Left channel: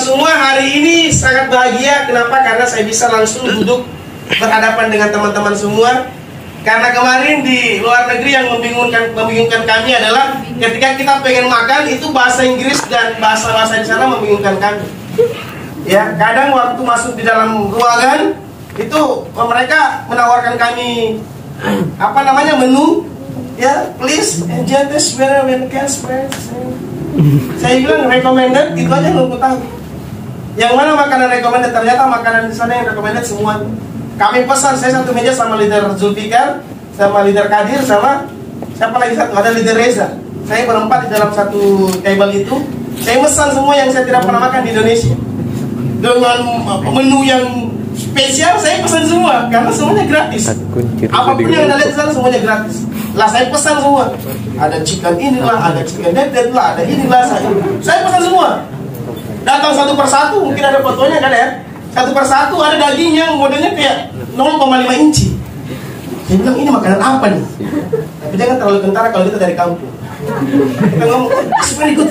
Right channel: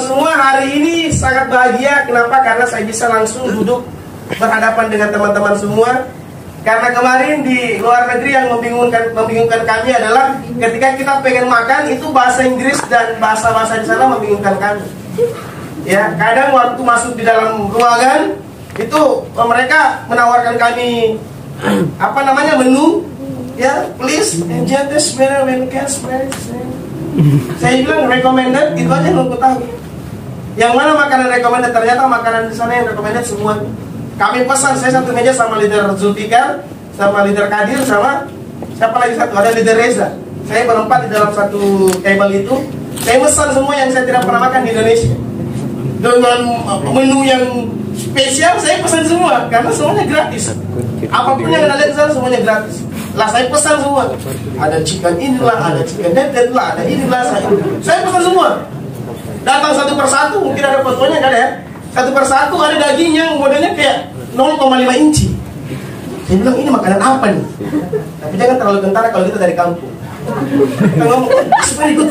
semua, hari ini sangat bahagia. Kenapa? Karena saya bisa langsung duduk berhadapan dengan teman-teman semua. Karena kemarin di luar negeri yang membingungkan kami adalah ketika kita pengen makan itu bahasa Inggris dan bahasa-bahasa di sana membingungkan kami. Ya, kadang waktu masuk di dalam ruangan itu mereka menawarkan kami menu. Ya, please enjoy this very well, guys. Saya bilang recommended, itu aja yang aku tahu. Yang mana makanan recommended, ternyata makanan di sana yang recommended semua. Kami pesan, saya satu meja sama leader Zulfikar, sama leader Kadir, sama siapa lagi satu, ada leader Reza. Saya berempat di dalam satu table itu. Saya pesan semua yang saya tidak pernah makan di Indonesia. Dengan menu yang spesial saya pesan semua, karena semuanya gratis. Apapun yang Anda lihat di sana semuanya gratis. Lah saya pesan semua. Ada chicken inilah, ada chicken dead lah, ada inilah saya pesan semua. Datang satu persatu, mungkin ada fotonya kan ya. Satu persatu ada daging yang modelnya kayak 0,5 inci. Saya bilang ini makanan apa nih? Tapi jangan terlalu kentara kalau kita dari kampung. Kita ngomong, very good.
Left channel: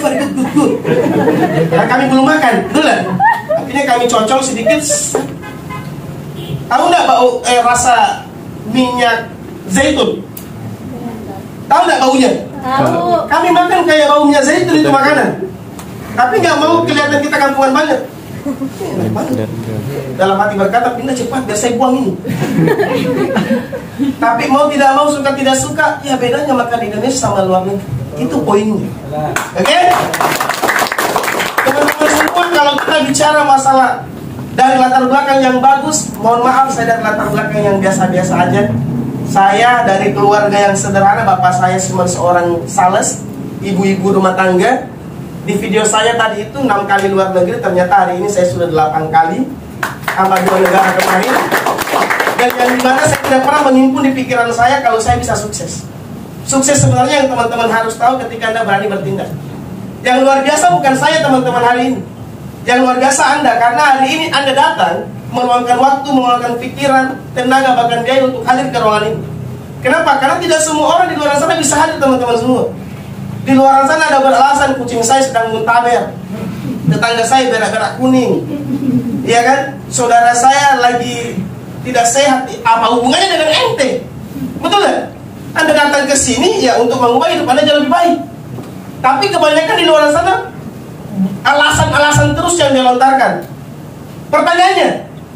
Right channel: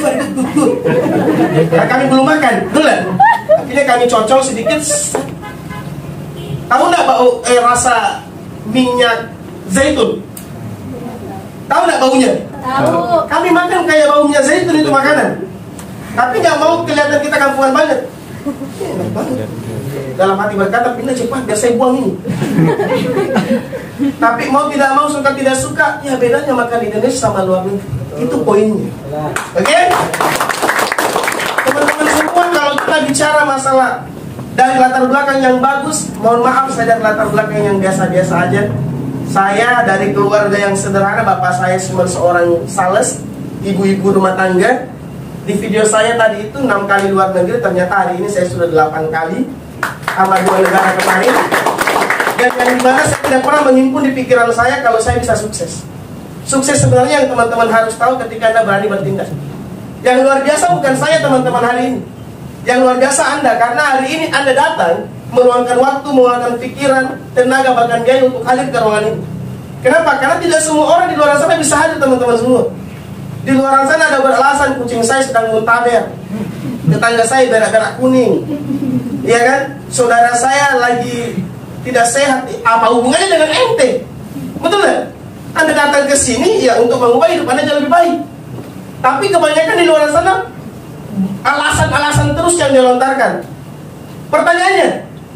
Karena kami belum makan, betul lah. Akhirnya kami cocol sedikit. Tahu nggak bau rasa minyak zaitun? Tahu nggak baunya? Tahu. Kami makan kayak bau minyak zaitun itu makanan. Tapi nggak mau kelihatan kita kampungan banget. Enak banget. Dalam hati berkata, pindah cepat biar saya buang ini. Tapi mau tidak mau, suka tidak suka, ya bedanya makan di Indonesia sama luar negeri. Itu poinnya. Oke? Teman-teman semua, kalau kita bicara masalah dari latar belakang yang bagus, mohon maaf saya dari latar belakang yang biasa-biasa aja. Saya dari keluarga yang sederhana, bapak saya cuma seorang sales, ibu-ibu rumah tangga. Di video saya tadi itu 6 kali luar negeri, ternyata hari ini saya sudah 8 kali sama 2 negara kemarin. Dan yang dimana saya tidak pernah mengimpun di pikiran saya kalau saya bisa sukses. Sukses sebenarnya yang teman-teman harus tahu ketika Anda berani bertindak. Yang luar biasa bukan saya teman-teman hari ini. Yang luar biasa Anda, karena hari ini Anda datang meluangkan waktu, meluangkan pikiran, tenaga, bahkan biaya untuk hadir ke ruangan ini. Kenapa? Karena tidak semua orang di luar sana bisa hadir teman-teman semua. Di luar sana ada beralasan kucing saya sedang muntaber, tetangga saya berak-berak kuning, ya kan? Saudara saya lagi tidak sehat. Apa hubungannya dengan ente? Betul kan? Anda datang ke sini ya untuk mengubah hidup Anda jadi lebih baik. Tapi kebanyakan di luar sana alasan-alasan terus yang dilontarkan. Pertanyaannya,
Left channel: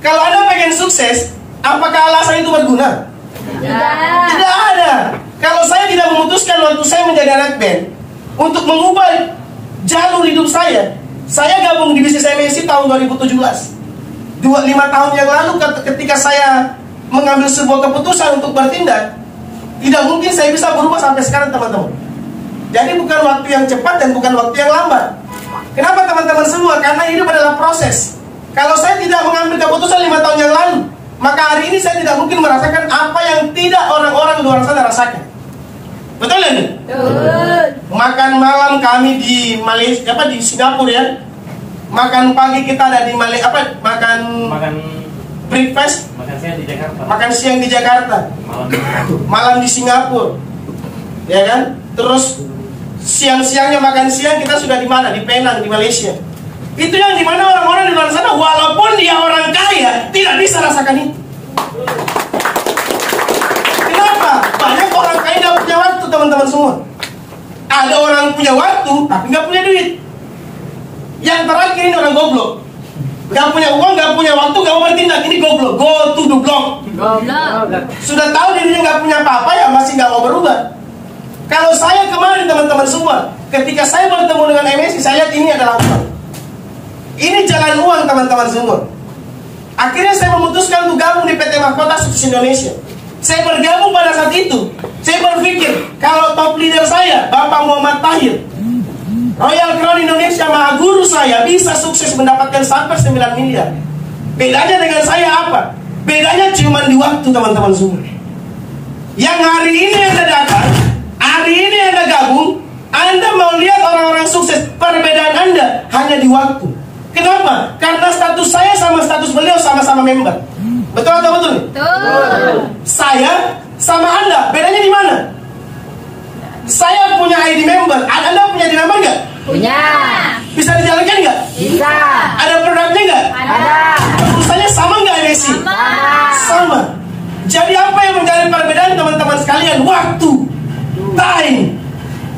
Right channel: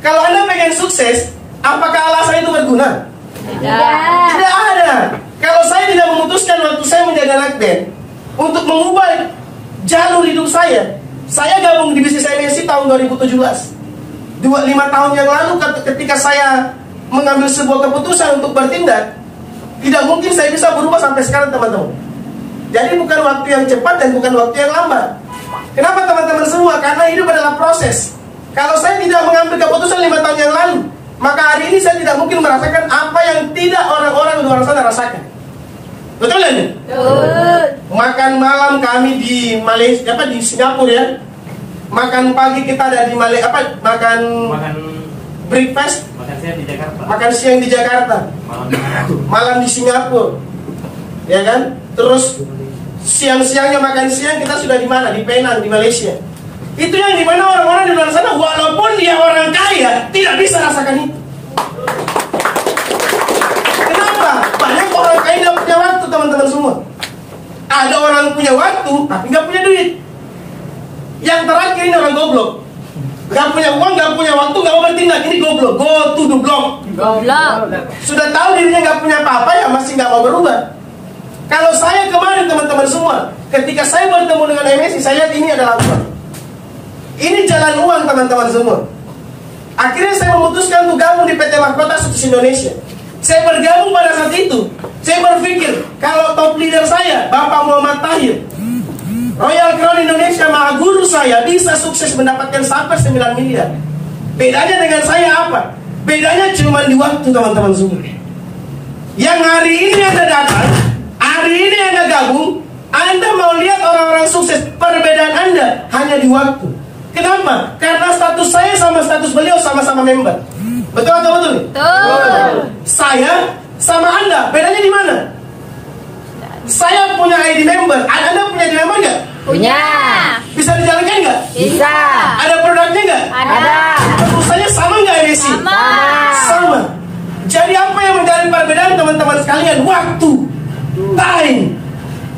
kalau Anda pengen sukses, apakah alasan itu berguna? Tidak ada. Kalau saya tidak memutuskan waktu saya menjadi anak band untuk mengubah jalur hidup saya gabung di bisnis MNC tahun 2017. 5 tahun yang lalu ketika saya mengambil sebuah keputusan untuk bertindak, tidak mungkin saya bisa berubah sampai sekarang teman-teman. Jadi bukan waktu yang cepat dan bukan waktu yang lambat. Kenapa teman-teman semua? Karena hidup adalah proses. Kalau saya tidak mengambil keputusan 5 tahun yang lalu, maka hari ini saya tidak mungkin merasakan apa yang tidak orang-orang di luar sana rasakan. Betul kan? Betul. Makan malam kami di Malaysia, di Singapura ya. Makan pagi kita ada di Malaysia, makan breakfast. Makan siang di Jakarta. Makan siang di Jakarta. Malam di Singapura. Ya kan? Terus siang-siangnya makan siang kita sudah di mana? Di Penang, di Malaysia. Itu yang dimana orang-orang di luar sana walaupun dia orang kaya tidak bisa rasakan itu. Kenapa? Banyak orang kaya tidak punya waktu teman-teman semua. Ada orang punya waktu tapi nggak punya duit. Yang terakhir ini orang goblok. Nggak punya uang, nggak punya waktu, nggak mau bertindak. Ini goblok. Go to the block. Sudah tahu dirinya nggak punya apa-apa ya masih nggak mau berubah. Kalau saya kemarin teman-teman semua, ketika saya bertemu dengan MNC, saya lihat ini adalah uang. Ini jalan uang teman-teman semua. Akhirnya saya memutuskan untuk gabung di PT Mahkota Sukses Indonesia. Saya bergabung pada saat itu. Saya berpikir kalau top leader saya Bapak Muhammad Tahir, Royal Crown Indonesia Maha Guru saya bisa sukses mendapatkan sampai 9 miliar. Bedanya dengan saya apa? Bedanya cuma di waktu teman-teman semua. Yang hari ini Anda datang, hari ini Anda gabung, Anda mau lihat orang-orang sukses. Perbedaan Anda hanya di waktu. Kenapa? Karena status saya sama status beliau sama-sama member. Betul atau betul? Betul. Saya sama Anda, bedanya di mana? Saya punya ID member, Anda punya ID member nggak? Punya. Bisa dijalankan nggak? Bisa. Ada produknya nggak? Ada. Perusahaannya sama nggak Desi? Sama. Jadi apa yang menjadi perbedaan teman-teman sekalian? Waktu, time.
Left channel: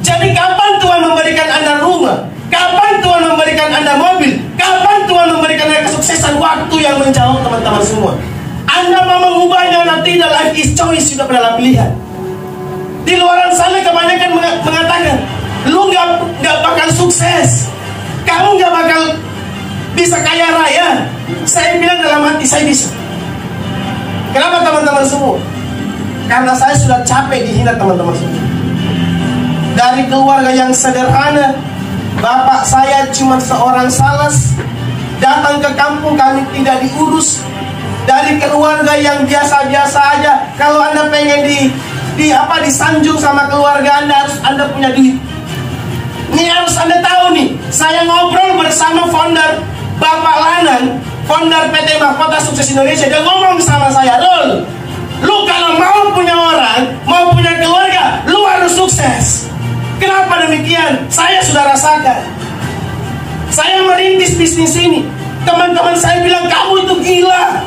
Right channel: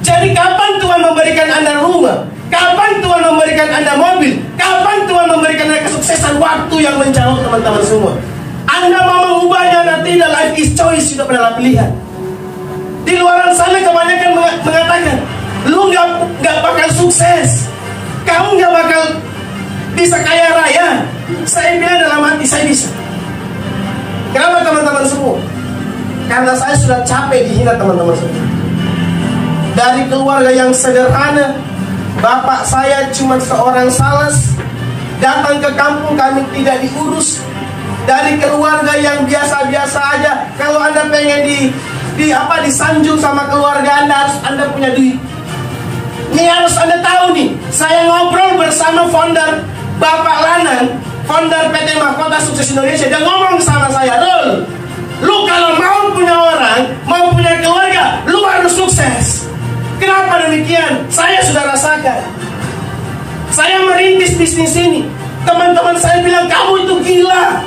Jadi kapan Tuhan memberikan Anda rumah? Kapan Tuhan memberikan Anda mobil? Kapan Tuhan memberikan Anda kesuksesan? Waktu yang menjawab teman-teman semua. Anda mau mengubahnya nanti, the life is choice, sudah adalah pilihan. Di luaran sana kebanyakan mengatakan, lu nggak bakal sukses, kamu nggak bakal bisa kaya raya. Saya bilang dalam hati, saya bisa. Kenapa teman-teman semua? Karena saya sudah capek dihina teman-teman semua. Dari keluarga yang sederhana, bapak saya cuma seorang sales, datang ke kampung kami tidak diurus. Dari keluarga yang biasa-biasa aja, kalau Anda pengen disanjung sama keluarga Anda, harus Anda punya duit. Ini harus Anda tahu nih. Saya ngobrol bersama founder Bapak Lanang, founder PT Mahkota Sukses Indonesia. Dia ngomong sama saya, Rul, lu kalau mau punya orang, mau punya keluarga, lu harus sukses. Kenapa demikian? Saya sudah rasakan. Saya merintis bisnis ini. Teman-teman saya bilang, kamu itu gila,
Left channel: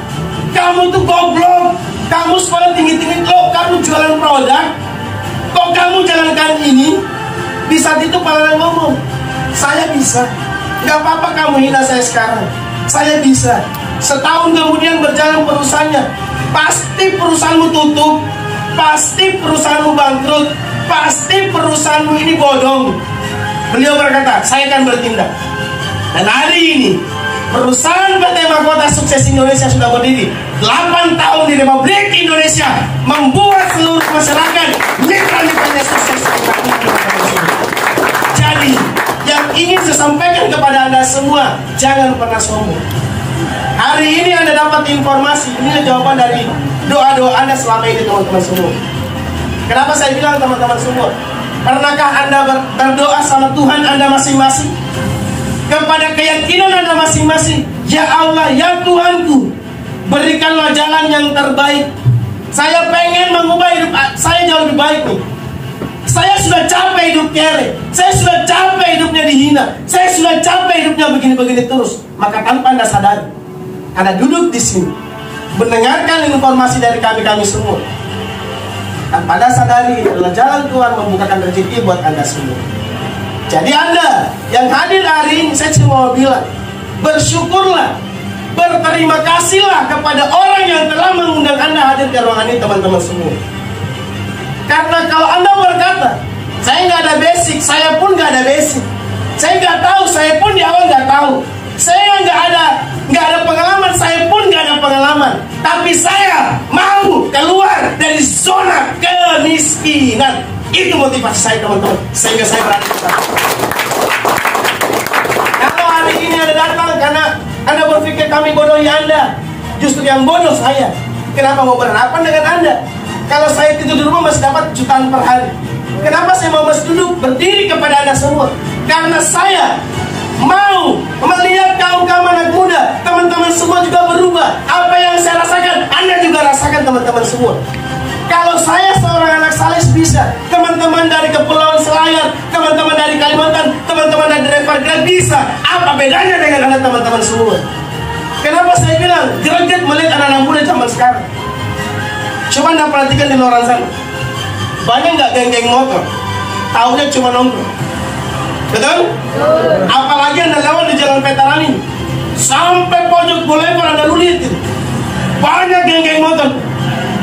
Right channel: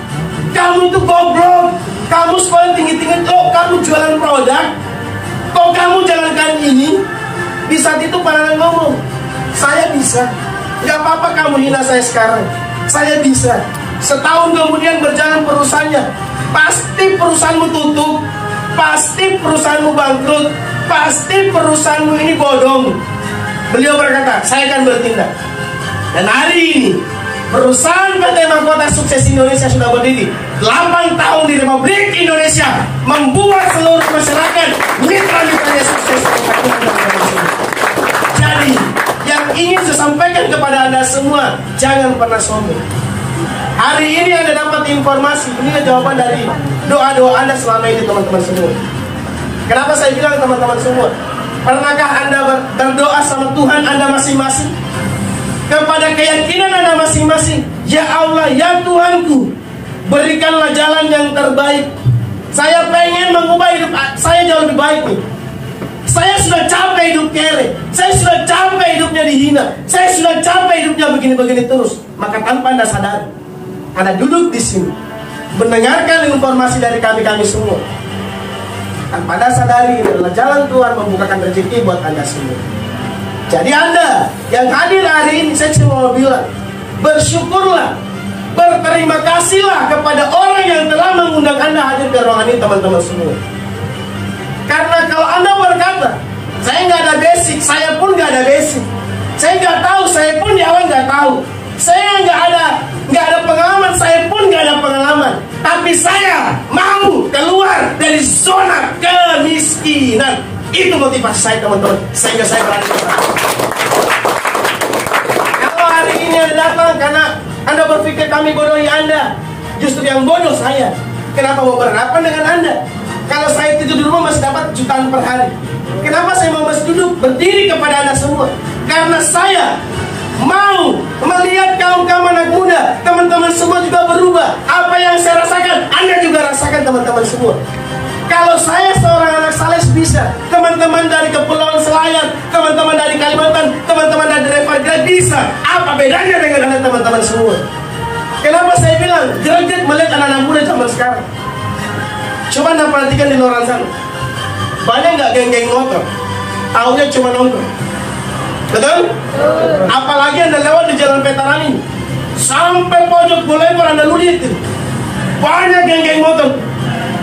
kamu itu goblok, kamu sekolah tinggi-tinggi, kok kamu jualan produk, kok kamu jalankan ini. Di saat itu Pak ngomong, saya bisa. Gak apa-apa kamu hina saya sekarang, saya bisa. Setahun kemudian berjalan perusahaannya, pasti perusahaanmu tutup, pasti perusahaanmu bangkrut, pasti perusahaanmu ini bodong. Beliau berkata, saya akan bertindak. Dan hari ini perusahaan PT Mahkota Sukses Indonesia sudah berdiri 8 tahun di Republik Indonesia, membuat seluruh masyarakat mitra-mitranya sukses. Jadi yang ingin saya sampaikan kepada Anda semua, jangan pernah sombong. Hari ini Anda dapat informasi, ini jawaban dari doa-doa Anda selama ini teman-teman semua. Kenapa saya bilang teman-teman semua? Pernahkah Anda berdoa sama Tuhan Anda masing-masing? Kepada keyakinan Anda masing-masing, ya Allah, ya Tuhanku, berikanlah jalan yang terbaik. Saya pengen mengubah hidup saya jauh lebih baik nih. Saya sudah capek hidup kere, saya sudah capek hidupnya dihina, saya sudah capek hidupnya begini-begini terus. Maka tanpa Anda sadari, Anda duduk di sini, mendengarkan informasi dari kami semua. Tanpa Anda sadari, ini adalah jalan Tuhan membukakan rezeki buat Anda semua. Jadi Anda yang hadir hari ini, saya cuma mau bilang, bersyukurlah, berterima kasihlah kepada orang yang telah mengundang Anda hadir di ruangan ini teman-teman semua. Karena kalau Anda berkata, saya nggak ada basic, saya pun nggak ada basic, saya nggak tahu, saya pun di awal nggak tahu, saya nggak ada pengalaman, saya pun nggak ada pengalaman, tapi saya mau keluar dari zona kemiskinan. Itu motivasi saya teman-teman, sehingga saya berani bersama. Kalau hari ini Anda datang karena Anda berpikir kami bodohi Anda, justru yang bodoh saya. Kenapa mau berhadapan dengan Anda? Kalau saya tidur di rumah masih dapat jutaan per hari. Kenapa saya mau masih duduk berdiri kepada Anda semua? Karena saya mau melihat kaum-kaum anak muda, teman-teman semua juga berubah. Apa yang saya rasakan, Anda juga rasakan teman-teman semua. Kalau saya seorang anak sales bisa, teman-teman dari Kepulauan Selayar, teman-teman dari Kalimantan, teman-teman dari Evergrande bisa. Apa bedanya dengan Anda teman-teman semua? Kenapa saya bilang greget melihat anak-anak muda zaman sekarang? Coba Anda perhatikan di luar sana, banyak nggak geng-geng motor, taunya cuma nongkrong. Betul? Apalagi Anda lewat di jalan Veteran ini, sampai pojok Boulevard Anda lihat itu, banyak geng-geng motor.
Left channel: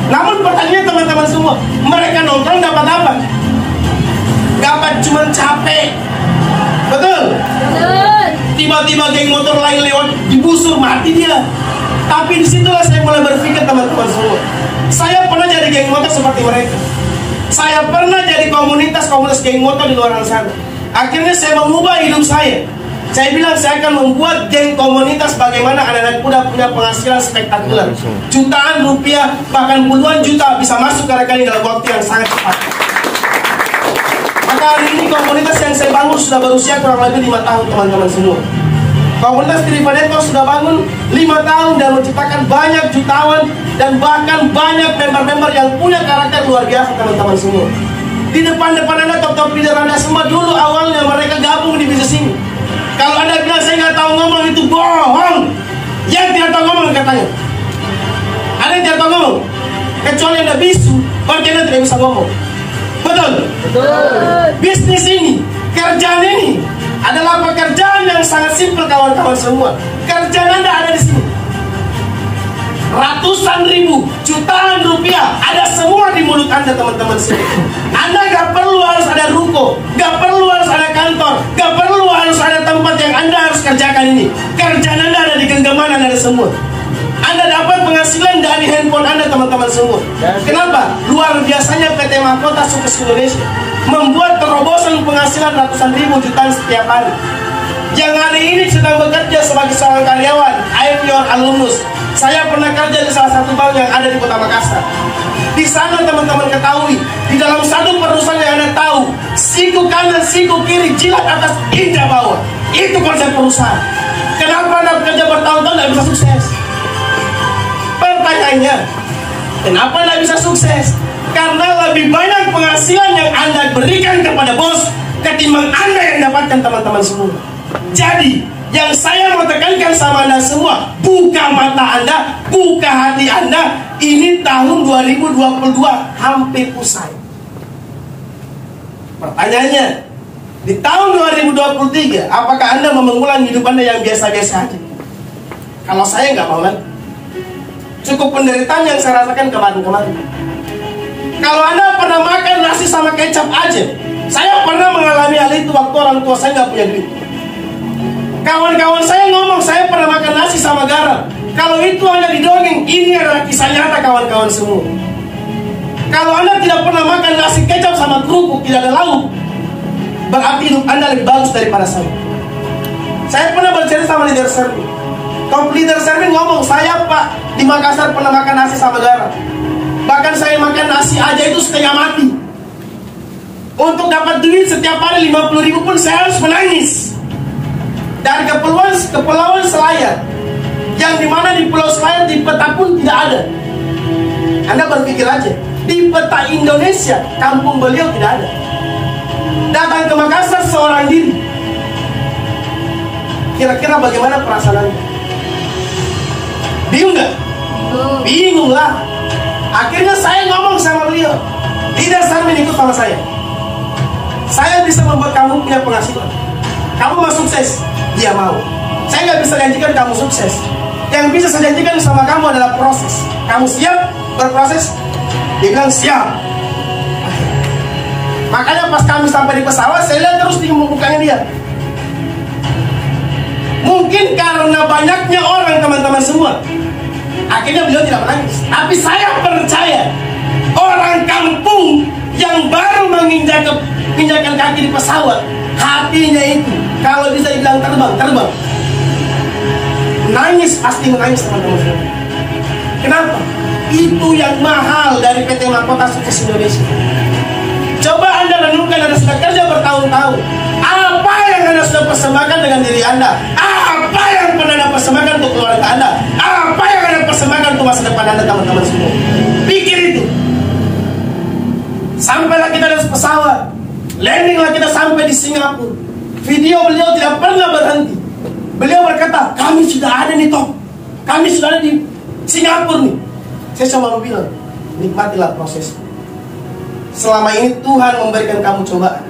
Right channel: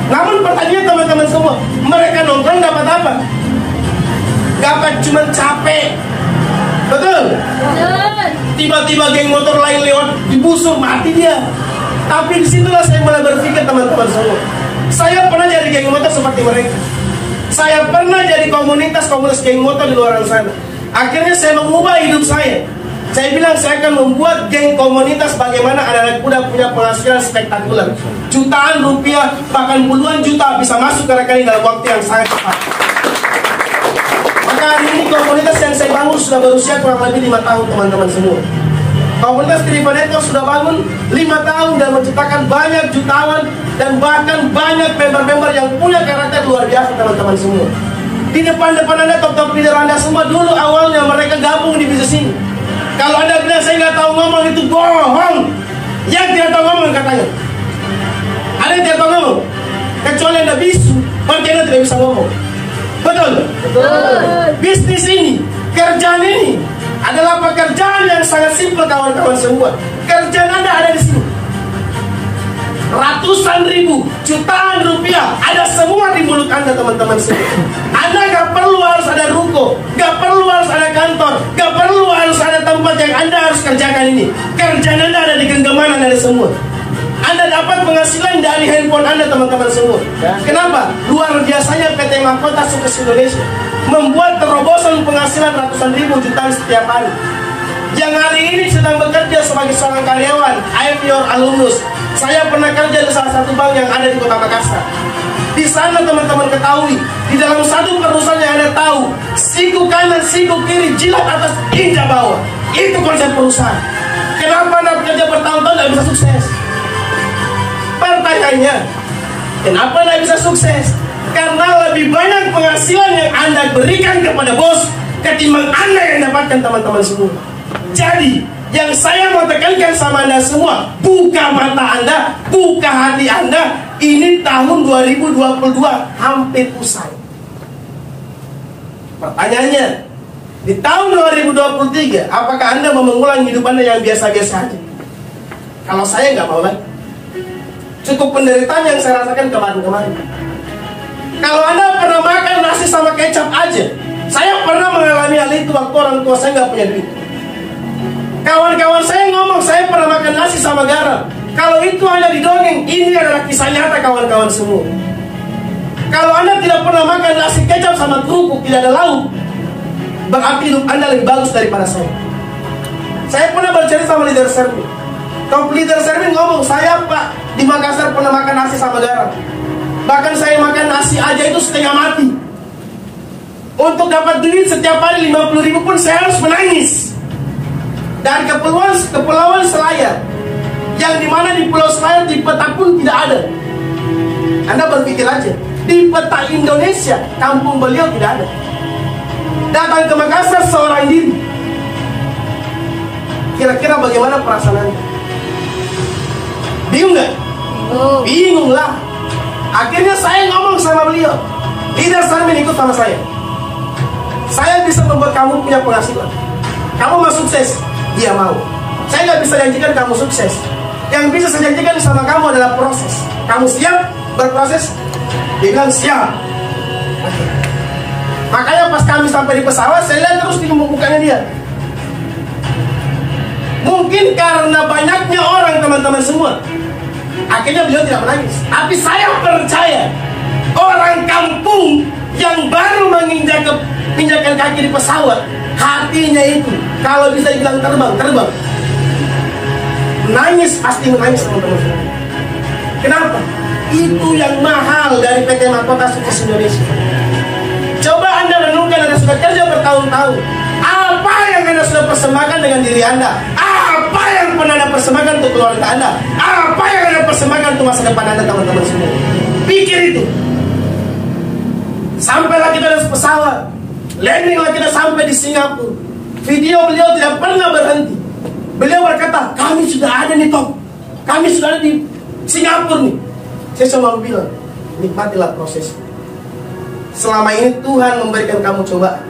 Namun pertanyaan teman-teman semua, mereka nongkrong dapat apa? Dapat cuma capek. Betul? Tiba-tiba geng motor lain lewat dibusur, mati dia. Tapi disitulah saya mulai berpikir teman-teman semua, saya pernah jadi geng motor seperti mereka. Saya pernah jadi komunitas geng motor di luar sana. Akhirnya saya mengubah hidup saya. Saya bilang saya akan membuat geng komunitas bagaimana anak-anak muda punya penghasilan spektakuler. Jutaan rupiah, bahkan puluhan juta bisa masuk ke rekening dalam waktu yang sangat cepat. Maka hari ini komunitas yang saya bangun sudah berusia kurang lebih 5 tahun teman-teman semua. Komunitas Driven Network sudah bangun 5 tahun dan menciptakan banyak jutawan dan bahkan banyak member-member yang punya karakter luar biasa teman-teman semua. Di depan-depan Anda, top-top leader Anda semua dulu awalnya mereka gabung di bisnis ini. Kalau Anda bilang saya nggak tahu ngomong, itu bohong. Yang tidak tahu ngomong katanya. Ada yang tidak tahu ngomong, kecuali Anda bisu, berarti Anda tidak bisa ngomong. Betul? Betul. Bisnis ini, kerjaan ini adalah pekerjaan yang sangat simpel kawan-kawan semua. Kerjaan Anda ada di sini. Ratusan ribu, jutaan rupiah ada semua di mulut Anda, teman-teman semua. Anda gak perlu harus ada ruko, gak perlu harus ada kantor, gak perlu harus ada tempat yang Anda harus kerjakan ini. Kerjaan Anda ada di genggaman Anda semua. Anda dapat penghasilan dari handphone Anda, teman-teman semua. Kenapa? Luar biasanya PT Mahkota Sukses Indonesia membuat terobosan penghasilan ratusan ribu, jutaan setiap hari. Yang hari ini sedang bekerja sebagai seorang karyawan, I'm your alumnus. Saya pernah kerja di salah satu bank yang ada di Kota Makassar. Di sana teman-teman ketahui, di dalam satu perusahaan yang Anda tahu, siku kanan, siku kiri, jilat atas, injak bawah. Itu konsep perusahaan. Kenapa Anda bekerja bertahun-tahun tidak bisa sukses? Pertanyaannya, kenapa tidak bisa sukses? Karena lebih banyak penghasilan yang Anda berikan kepada bos ketimbang Anda yang dapatkan, teman-teman semua. Jadi, yang saya mau tekankan sama Anda semua, buka mata Anda, buka hati Anda. Ini tahun 2022 hampir usai. Pertanyaannya, di tahun 2023, apakah Anda mau mengulang hidup Anda yang biasa-biasa aja? Kalau saya nggak mau lagi. Cukup penderitaan yang saya rasakan kemarin-kemarin. Kalau Anda pernah makan nasi sama kecap aja, saya pernah mengalami hal itu waktu orang tua saya nggak punya duit. Kawan-kawan saya ngomong, saya pernah makan nasi sama garam. Kalau itu hanya didongeng, ini adalah kisah nyata kawan-kawan semua. Kalau Anda tidak pernah makan nasi kecap sama kerupuk, tidak ada lauk, berarti hidup Anda lebih bagus daripada saya. Saya pernah bercerita sama leader Sermin. Top leader Sermin ngomong, saya Pak di Makassar pernah makan nasi sama garam. Bahkan saya makan nasi aja itu setengah mati. Untuk dapat duit setiap hari 50.000 pun saya harus menangis. Dan kepulauan Selayar, yang dimana di Pulau Selayar di peta pun tidak ada. Anda berpikir aja, di peta Indonesia kampung beliau tidak ada. Datang ke Makassar seorang diri. Kira-kira bagaimana perasaan Anda? Bingung nggak? Bingung lah. Akhirnya saya ngomong sama beliau, leader Sermin ikut sama saya. Saya bisa membuat kamu punya penghasilan. Kamu mau sukses? Dia mau. Saya nggak bisa janjikan kamu sukses. Yang bisa saya janjikan sama kamu adalah proses. Kamu siap berproses? Dia bilang siap. Makanya pas kami sampai di pesawat, saya lihat terus di mukanya dia. Mungkin karena banyaknya orang, teman-teman semua, akhirnya beliau tidak menangis. Tapi saya percaya orang kampung yang baru menginjakkan kaki di pesawat, hatinya itu kalau bisa dibilang terbang. Menangis, pasti menangis, teman-teman semua. Kenapa? Itu yang mahal dari PT Mahkota Sukses Indonesia. Coba Anda renungkan, Anda sudah kerja bertahun-tahun. Apa yang Anda sudah persembahkan dengan diri Anda? Apa yang pernah Anda persembahkan untuk keluarga Anda? Apa yang Anda persembahkan untuk masa depan Anda, teman-teman semua? Pikir itu. Sampailah kita di pesawat, landinglah kita sampai di Singapura. Video beliau tidak pernah berhenti. Beliau berkata, kami sudah ada nih Top, kami sudah ada di Singapura nih. Saya cuma bilang, nikmatilah proses. Selama ini Tuhan memberikan kamu cobaan.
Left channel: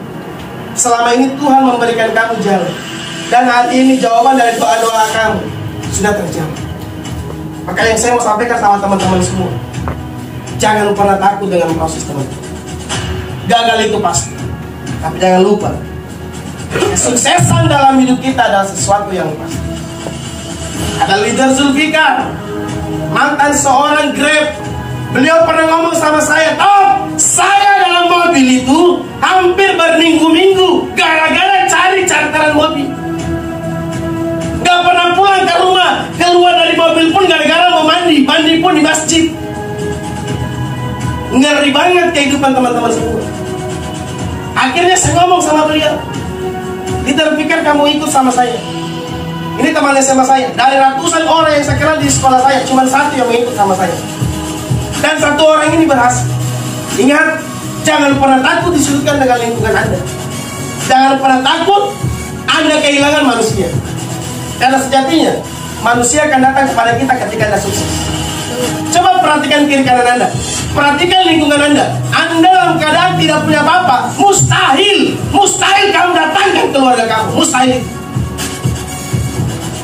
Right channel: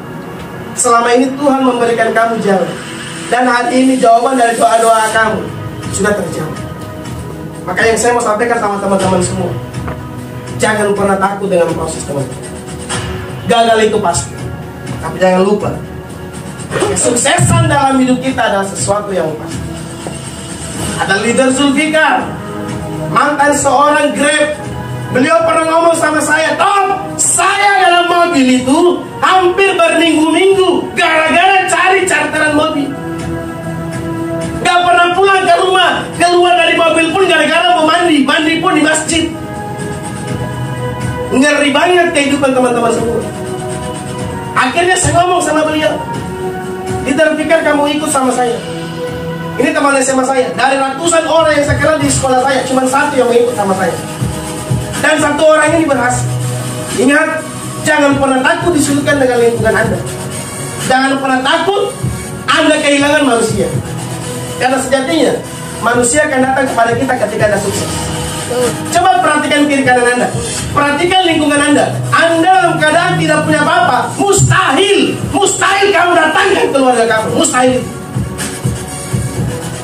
Selama ini Tuhan memberikan kamu jalan. Dan hari ini jawaban dari doa-doa kamu sudah terjawab. Maka yang saya mau sampaikan sama teman-teman semua, jangan pernah takut dengan proses, teman-teman. Gagal itu pasti, tapi jangan lupa, kesuksesan dalam hidup kita adalah sesuatu yang pasti. Ada leader Zulfikar, mantan seorang Grab. Beliau pernah ngomong sama saya, Top, saya dalam mobil itu hampir berminggu-minggu gara-gara cari charteran mobil. Gak pernah pulang ke rumah, keluar dari mobil pun gara-gara mau mandi pun di masjid. Ngeri banget kehidupan teman-teman semua. Akhirnya saya ngomong sama beliau, diterpikir kamu ikut sama saya. Ini teman SMA saya. Dari ratusan orang yang saya kenal di sekolah saya, cuma satu yang mau ikut sama saya. Dan satu orang ini berhasil. Ingat, Jangan pernah takut disudutkan dengan lingkungan Anda. Jangan pernah takut Anda kehilangan manusia. Karena sejatinya manusia akan datang kepada kita ketika Anda sukses. Coba perhatikan kiri kanan Anda, perhatikan lingkungan Anda. Anda dalam keadaan tidak punya apa-apa, mustahil kamu datangkan keluarga kamu, mustahil.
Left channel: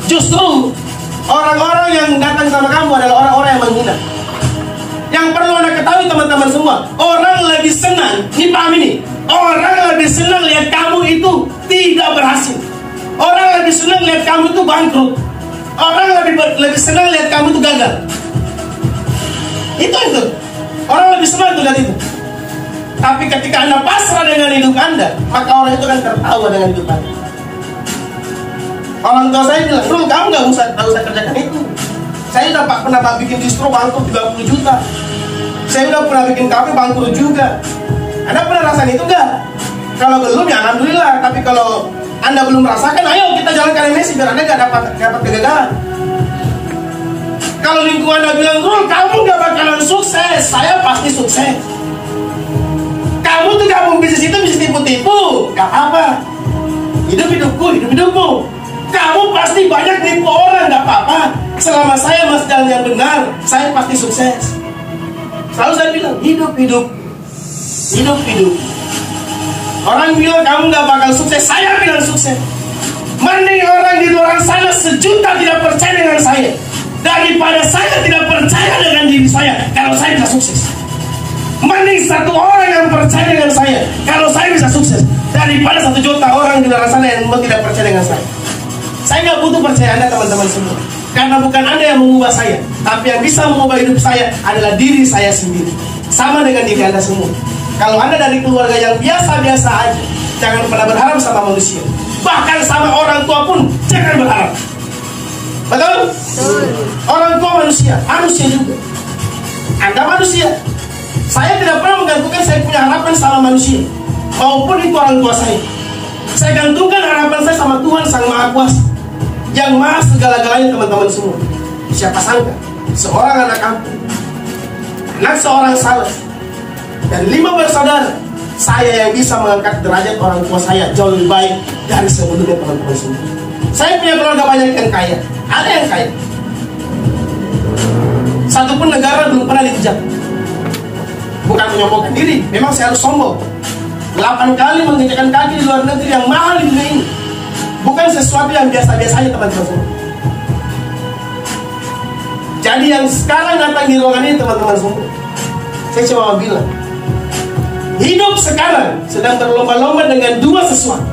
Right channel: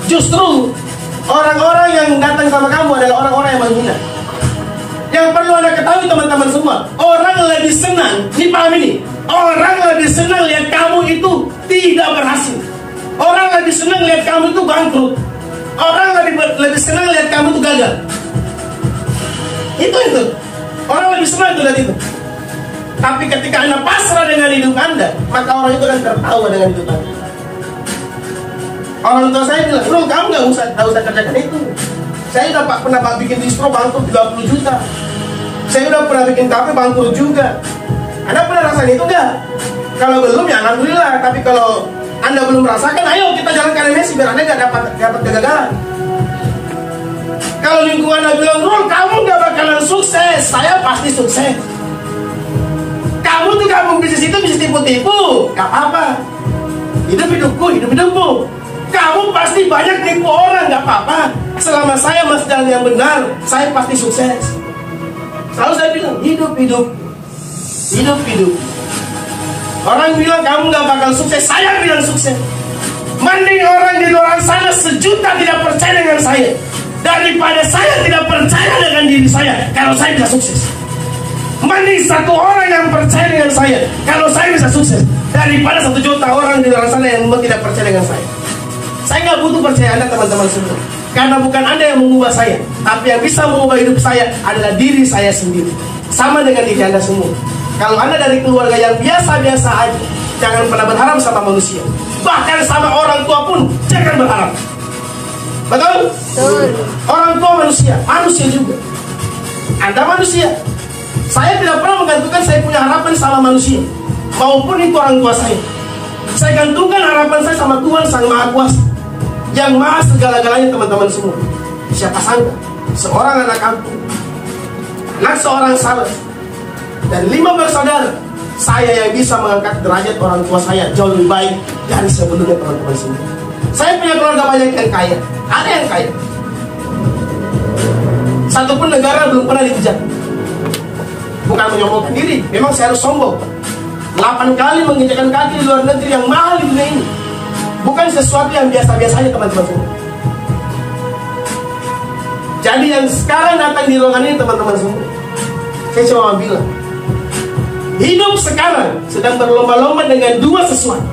Justru orang-orang yang datang sama kamu adalah orang-orang yang menghina. Yang perlu Anda ketahui teman-teman semua, orang lebih senang, ini paham ini, orang lebih senang lihat kamu itu tidak berhasil. Orang lebih senang lihat kamu itu bangkrut. Orang lebih senang lihat kamu itu gagal. Itu. Orang lebih senang lihat itu. Tapi ketika Anda pasrah dengan hidup Anda, maka orang itu akan tertawa dengan hidup Anda. Orang tua saya bilang, "Bro, kamu nggak usah kerjakan itu. Saya udah pernah bikin distro bangkrut 30 juta. Saya udah pernah bikin kafe bangkrut juga. Anda pernah rasain itu nggak? Kalau belum, ya alhamdulillah. Tapi kalau Anda belum merasakan, ayo kita jalankan ini biar Anda nggak dapat kegagalan. Kalau lingkungan Anda bilang, Bro, kamu nggak bakalan sukses, saya pasti sukses. Kamu tuh gabung bisnis itu bisa tipu-tipu, nggak apa-apa. Hidupmu. Kamu pasti banyak nipu orang, nggak apa-apa. Selama saya masih jalan yang benar, saya pasti sukses. Selalu saya bilang, hidup. Orang bilang kamu nggak bakal sukses, saya bilang sukses. Mending orang di luar sana 1 juta tidak percaya dengan saya, daripada saya tidak percaya dengan diri saya kalau saya bisa sukses. Mending 1 orang yang percaya dengan saya kalau saya bisa sukses, daripada 1 juta orang di luar sana yang tidak percaya dengan saya. Saya nggak butuh percaya Anda teman-teman semua, karena bukan Anda yang mengubah saya, tapi yang bisa mengubah hidup saya adalah diri saya sendiri. Sama dengan diri Anda semua. Kalau Anda dari keluarga yang biasa-biasa aja, jangan pernah berharap sama manusia. Bahkan sama orang tua pun jangan berharap. Betul? Orang tua manusia juga. Anda manusia. Saya tidak pernah menggantungkan saya punya harapan sama manusia, maupun itu orang tua saya. Saya gantungkan harapan saya sama Tuhan Sang Maha Kuasa, yang maha segala-galanya teman-teman semua. Siapa sangka seorang anak kampung, anak seorang saleh, dan 5 bersaudara, saya yang bisa mengangkat derajat orang tua saya jauh lebih baik dari sebelumnya teman-teman semua. Saya punya keluarga banyak yang kaya, ada yang kaya. Satupun negara belum pernah dikejar. Bukan menyombongkan diri, memang saya harus sombong. 8 kali menginjakkan kaki di luar negeri yang mahal di dunia ini. Bukan sesuatu yang biasa-biasa aja teman-teman semua. Jadi yang sekarang datang di ruangan ini teman-teman semua, saya cuma mau bilang, hidup sekarang sedang berlomba-lomba dengan 2 sesuatu.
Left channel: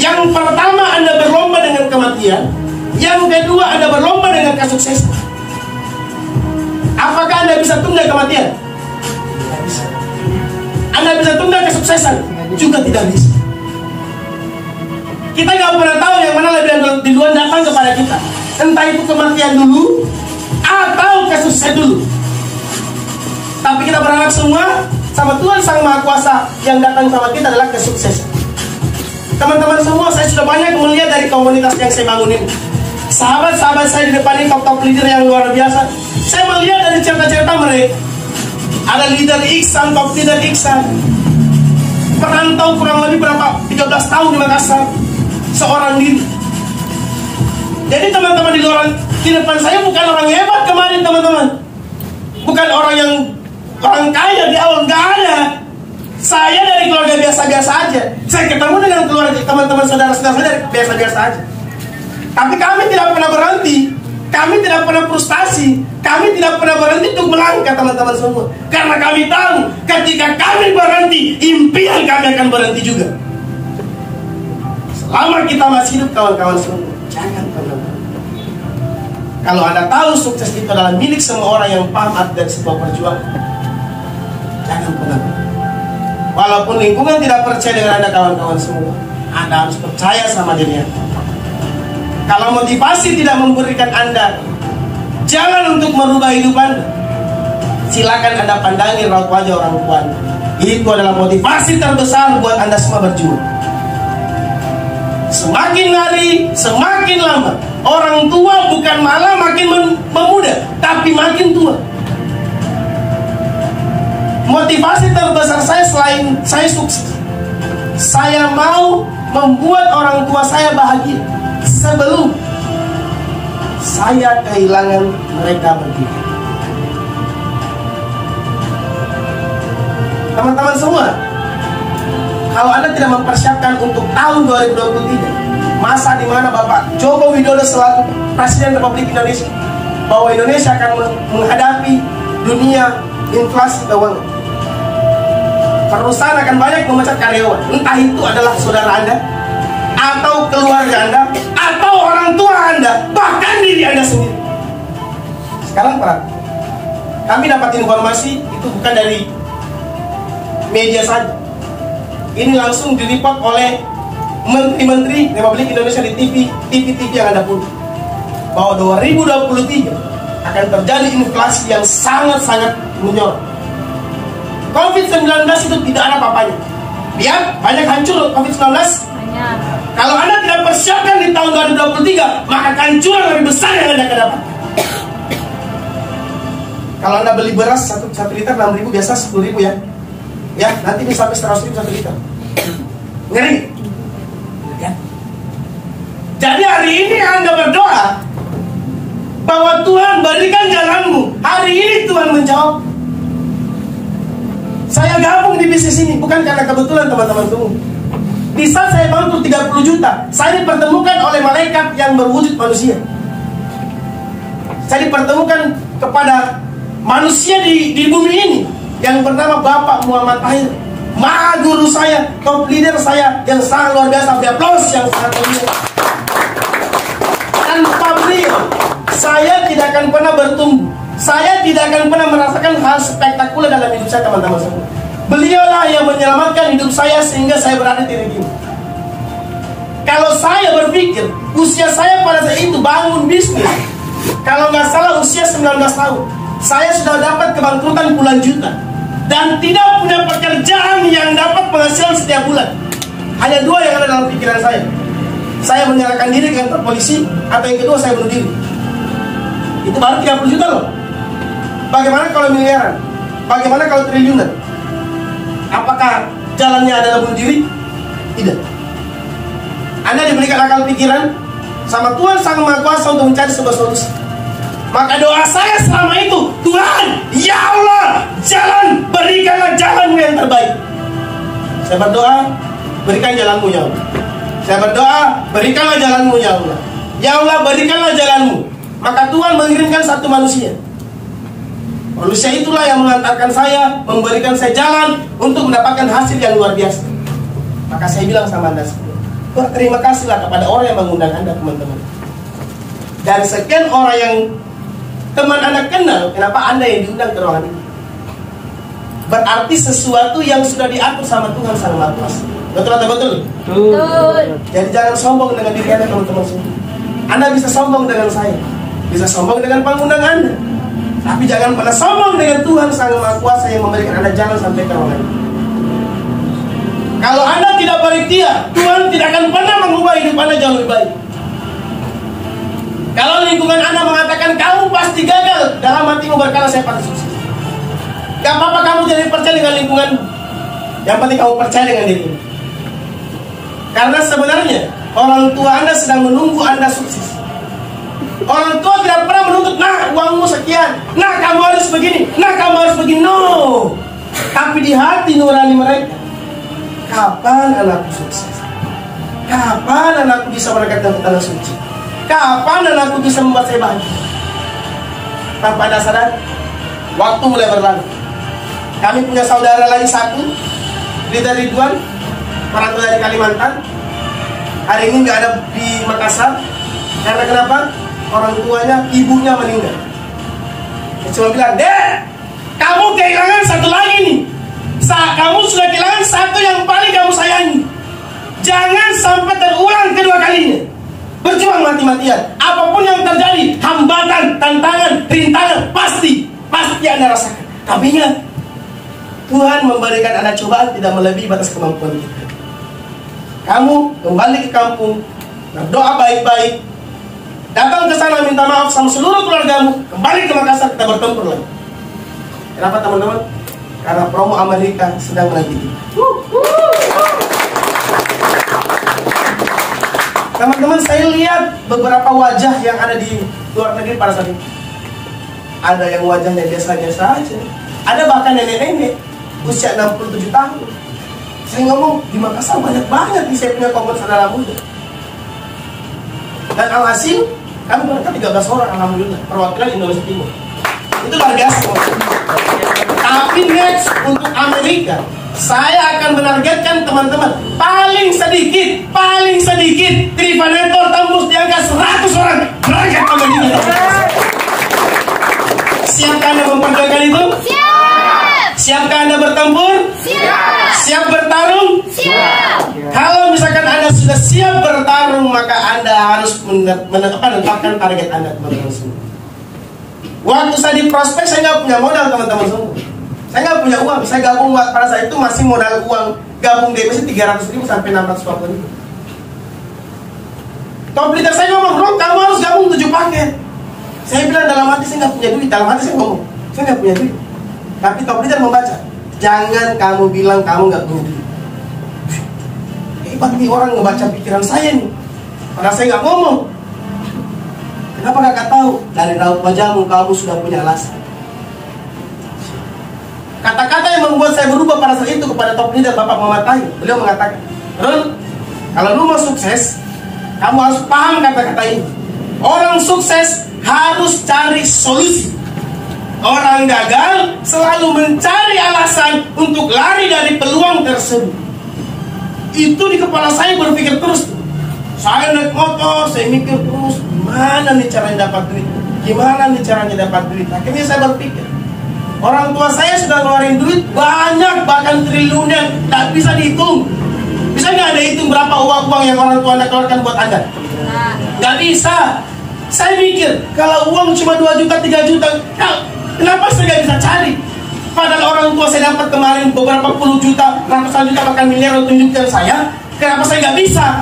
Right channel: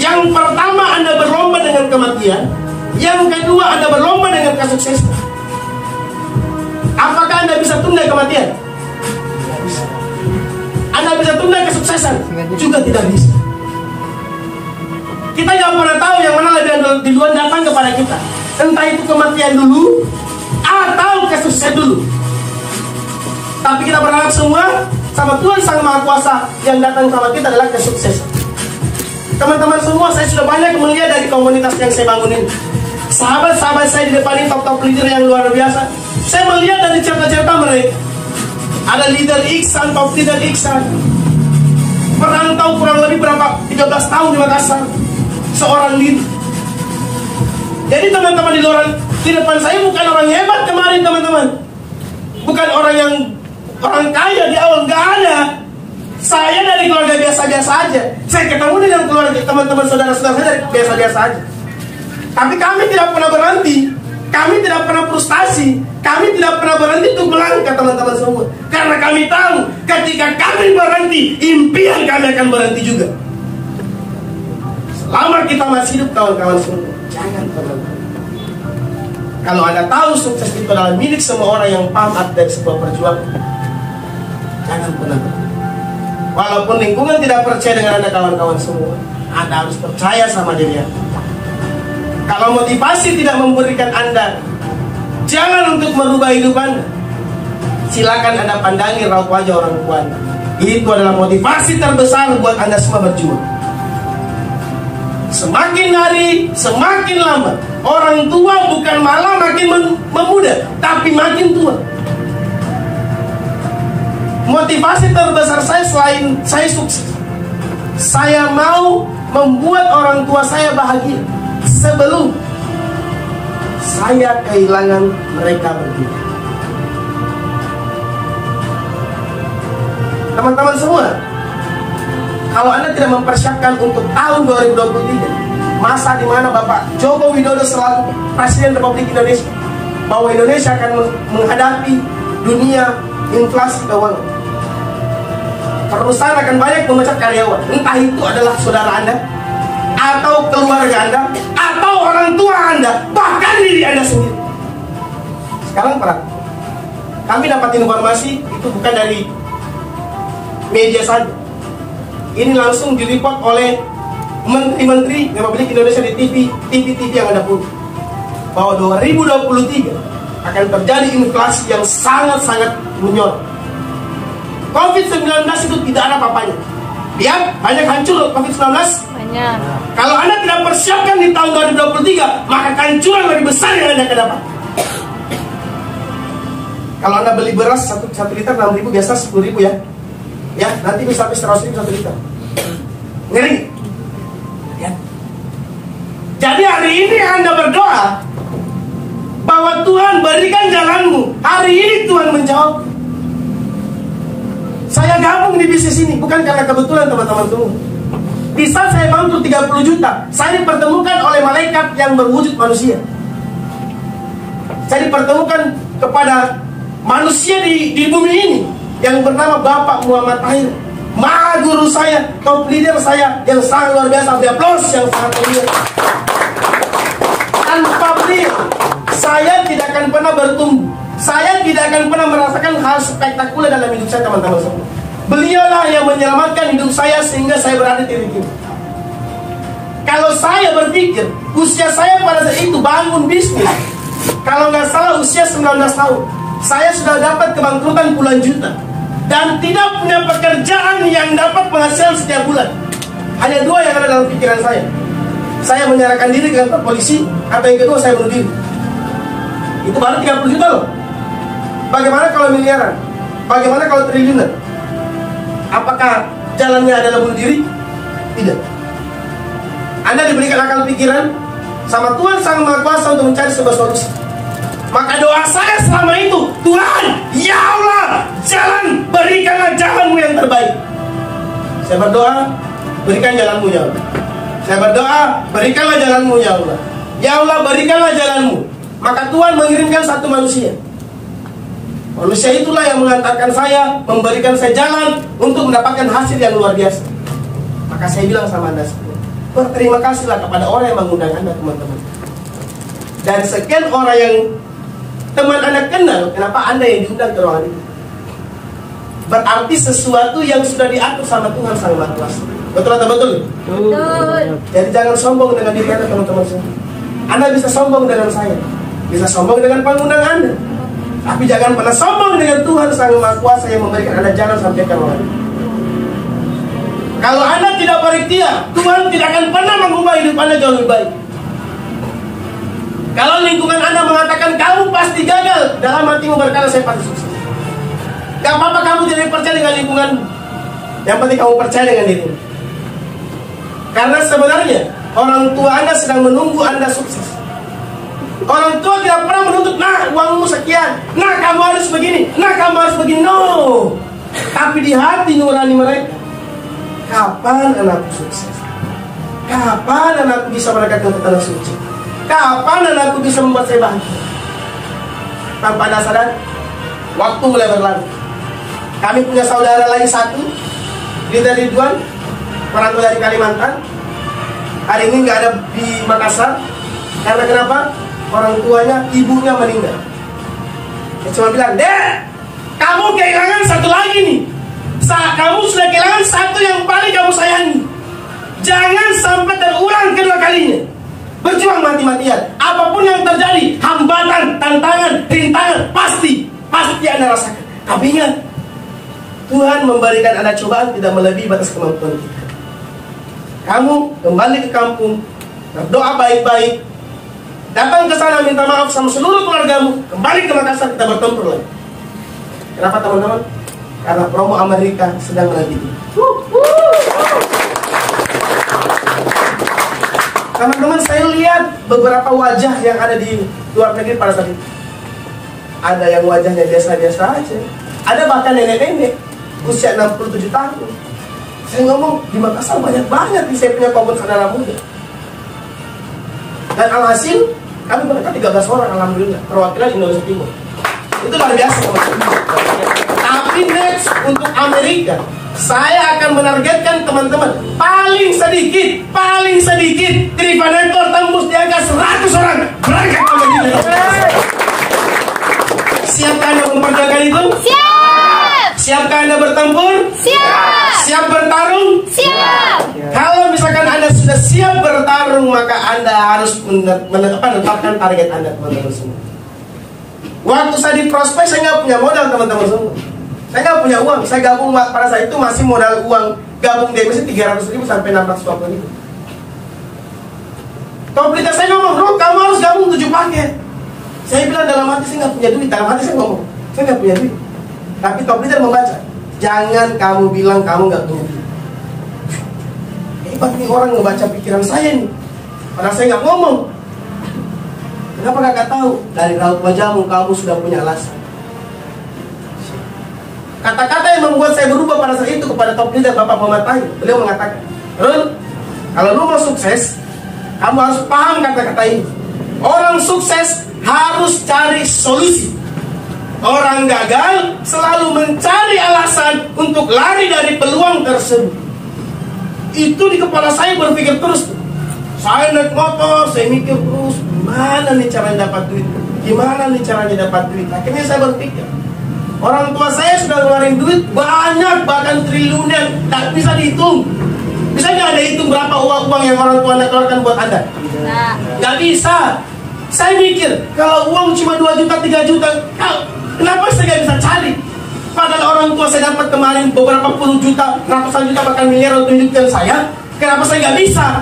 Yang pertama, Anda berlomba dengan kematian. Yang kedua, Anda berlomba dengan kesuksesan. Apakah Anda bisa tunda kematian? Tidak bisa. Anda bisa tunda kesuksesan? Juga tidak bisa. Kita nggak pernah tahu yang mana lebih duluan datang kepada kita. Entah itu kematian dulu atau kesuksesan dulu. Tapi kita berharap semua sama Tuhan Sang Maha Kuasa, yang datang sama kita adalah kesuksesan. Teman-teman semua, saya sudah banyak melihat dari komunitas yang saya bangun ini. Sahabat-sahabat saya di depan ini, top-top leader yang luar biasa. Saya melihat dari cerita-cerita mereka. Ada leader Iksan, top leader Iksan, perantau kurang lebih berapa 13 tahun di Makassar, seorang diri. Jadi teman-teman di depan saya bukan orang hebat kemarin teman-teman, bukan orang kaya di awal, nggak ada. Saya dari keluarga biasa-biasa aja. Saya ketemu dengan keluarga teman-teman saudara-saudara saya dari biasa-biasa aja. Tapi kami tidak pernah berhenti. Kami tidak pernah frustasi. Kami tidak pernah berhenti untuk melangkah teman-teman semua. Karena kami tahu ketika kami berhenti, impian kami akan berhenti juga. Selama kita masih hidup kawan-kawan semua, jangan pernah. Kalau Anda tahu sukses itu adalah milik semua orang yang paham arti dari sebuah perjuangan, jangan pernah. Walaupun lingkungan tidak percaya dengan Anda kawan-kawan semua, Anda harus percaya sama diri Anda. Kalau motivasi tidak memberikan Anda jalan untuk merubah hidup Anda, silakan Anda pandangi raut wajah orang tua Anda. Itu adalah motivasi terbesar buat Anda semua berjuang. Semakin hari, semakin lama, orang tua bukan malah makin memuda, tapi makin tua. motivasi terbesar saya selain saya sukses, saya mau membuat orang tua saya bahagia sebelum saya kehilangan mereka berdua. Teman-teman semua, kalau Anda tidak mempersiapkan untuk tahun 2023, masa di mana Bapak Joko Widodo selaku Presiden Republik Indonesia, bahwa Indonesia akan menghadapi dunia inflasi keuangan, perusahaan akan banyak memecat karyawan, entah itu adalah saudara Anda, atau keluarga Anda, atau orang tua Anda, bahkan diri Anda sendiri. Sekarang perhatikan, kami dapat informasi itu bukan dari media saja. Ini langsung diliput oleh menteri-menteri Republik Indonesia di TV yang Anda punya, bahwa 2023 akan terjadi inflasi yang sangat-sangat menyorot. COVID-19 itu tidak ada apa-apanya. Lihat, banyak hancur COVID-19. Banyak. Kalau Anda tidak persiapkan di tahun 2023, maka kehancuran lebih besar yang Anda akan dapat. Kalau Anda beli beras 1 liter 6.000, biasa 10.000 ya. Ya, nanti bisa sampai 100.000 1 liter. Ngeri. Ya. Jadi hari ini Anda berdoa bahwa Tuhan berikan jalanmu. Hari ini Tuhan menjawab. Saya gabung di bisnis ini bukan karena kebetulan, teman-teman semua. Bisa saya bantu 30 juta. Saya dipertemukan oleh malaikat yang berwujud manusia. Saya dipertemukan kepada manusia di bumi ini yang bernama Bapak Muhammad Tahir, maha guru saya, top leader saya yang sangat luar biasa. Beri aplaus yang sangat mulia. Tanpa beliau, saya tidak akan pernah bertumbuh. Saya tidak akan pernah merasakan hal spektakuler dalam hidup saya, teman-teman semua. Beliaulah yang menyelamatkan hidup saya sehingga saya berada di titik ini. Kalau saya berpikir usia saya pada saat itu bangun bisnis, kalau nggak salah usia 19 tahun, saya sudah dapat kebangkrutan puluhan juta dan tidak punya pekerjaan yang dapat penghasilan setiap bulan. Hanya 2 yang ada dalam pikiran saya. Saya menyerahkan diri ke kantor polisi, atau yang kedua saya bunuh diri. Itu baru 30 juta loh. Bagaimana kalau miliaran? Bagaimana kalau triliunan? Apakah jalannya adalah bunuh diri? Tidak. Anda diberikan akal pikiran sama Tuhan Sang Maha Kuasa untuk mencari sebuah solusi. Maka doa saya selama itu, Tuhan, ya Allah, berikanlah jalanmu yang terbaik. Saya berdoa, berikan jalanmu ya Allah. Saya berdoa, berikanlah jalanmu ya Allah. Ya Allah, berikanlah jalanmu. Maka Tuhan mengirimkan satu manusia. Manusia itulah yang mengantarkan saya, memberikan saya jalan untuk mendapatkan hasil yang luar biasa. Maka saya bilang sama Anda semua, berterima kasihlah kepada orang yang mengundang Anda, teman-teman. Dan sekian orang yang teman Anda kenal, kenapa Anda yang diundang ke ruangan ini? Berarti sesuatu yang sudah diatur sama Tuhan Sang Maha Kuasa. Betul atau betul? Betul. Jadi jangan sombong dengan diri Anda, teman-teman semua. Anda bisa sombong dengan saya, bisa sombong dengan pengundang Anda, tapi jangan pernah sombong dengan Tuhan Sang Maha Kuasa yang memberikan Anda jalan sampai ke ruangan ini. Kalau Anda tidak berikhtiar, Tuhan tidak akan pernah mengubah hidup Anda jauh lebih baik. Kalau lingkungan Anda mengatakan kamu pasti gagal, dalam hatimu berkata saya pasti sukses. Gak apa-apa kamu jadi percaya dengan lingkungan, yang penting kamu percaya dengan dirimu. Karena sebenarnya orang tua Anda sedang menunggu Anda sukses. Orang tua tidak pernah menuntut, nah uangmu sekian, nah kamu harus begini, nah kamu harus begini. No. Tapi di hati nurani mereka, kapan anakku sukses? Kapan anakku bisa mendekatkan ke tanah suci? Kapan anakku bisa membuat saya bahagia? Tanpa Anda sadar, waktu mulai berlalu. Kami punya saudara lagi satu, dia dari Ridwan, orang tua dari Kalimantan. Hari ini nggak ada di Makassar. Karena kenapa? Orang tuanya, ibunya meninggal. Dia cuma bilang, Dek, kamu kehilangan satu lagi nih. Kamu sudah kehilangan satu yang paling kamu sayangi. Jangan sampai terulang kedua kalinya. Berjuang mati-matian. Apapun yang terjadi, hambatan, tantangan, rintangan, pasti Anda rasakan. Tapi ingat, Tuhan memberikan Anda cobaan tidak melebihi batas kemampuan kita. Kamu kembali ke kampung, berdoa baik-baik, datang ke sana minta maaf sama seluruh keluargamu, kembali ke Makassar, kita bertempur lagi. Kenapa teman-teman? Karena promo Amerika sedang lagi. Teman-teman, saya lihat beberapa wajah yang ada di luar negeri pada saat itu. Ada yang wajahnya biasa-biasa aja. Ada bahkan nenek-nenek usia 67 tahun. Saya ngomong, di Makassar banyak-banyak di saya punya komunitas saudara muda. Dan alhasil, kami berangkat 13 orang, alhamdulillah, perwakilan Indonesia Timur. Itu luar biasa. Tapi next, untuk Amerika, saya akan menargetkan teman-teman paling sedikit Trivanetor tembus di angka 100 orang berangkat ke Amerika. Siapkah Anda memperjuangkan itu? Siap. Siapkah Anda bertempur? Siap. Siap bertarung? Siap. Kalau misalkan Anda sudah siap bertarung, maka Anda harus menetapkan target Anda, teman-teman semua. Waktu saya di prospek, saya nggak punya modal, teman-teman semua. Saya nggak punya uang. Saya gabung pada saat itu masih modal uang gabung DMS 300.000 sampai 640.000. Top leader saya ngomong, bro, kamu harus gabung 7 paket. Saya bilang dalam hati saya nggak punya duit. Dalam hati saya ngomong, saya nggak punya duit. Tapi top leader membaca, jangan kamu bilang kamu nggak punya duit. Hebat nih orang ngebaca pikiran saya nih. Padahal saya nggak ngomong. Kenapa kakak tahu? Dari raut wajahmu kamu sudah punya alasan. Kata-kata yang membuat saya berubah pada saat itu kepada top leader Bapak Muhammad Tahir. Beliau mengatakan, Ron, kalau lu mau sukses, kamu harus paham kata-kata ini. Orang sukses harus cari solusi. Orang gagal selalu mencari alasan untuk lari dari peluang tersebut. Itu di kepala saya berpikir terus. Saya naik motor, saya mikir terus, gimana nih caranya dapat duit? Gimana nih caranya dapat duit? Akhirnya saya berpikir, orang tua saya sudah ngeluarin duit banyak, bahkan triliunan, tak bisa dihitung. Bisa nggak Anda hitung berapa uang-uang yang orang tua Anda keluarkan buat Anda? Nggak bisa. Saya mikir, kalau uang cuma 2 juta, 3 juta, kenapa saya nggak bisa cari? Padahal orang tua saya dapat kemarin beberapa puluh juta, ratusan juta, bahkan miliar tunjukkan saya. Kenapa saya nggak bisa?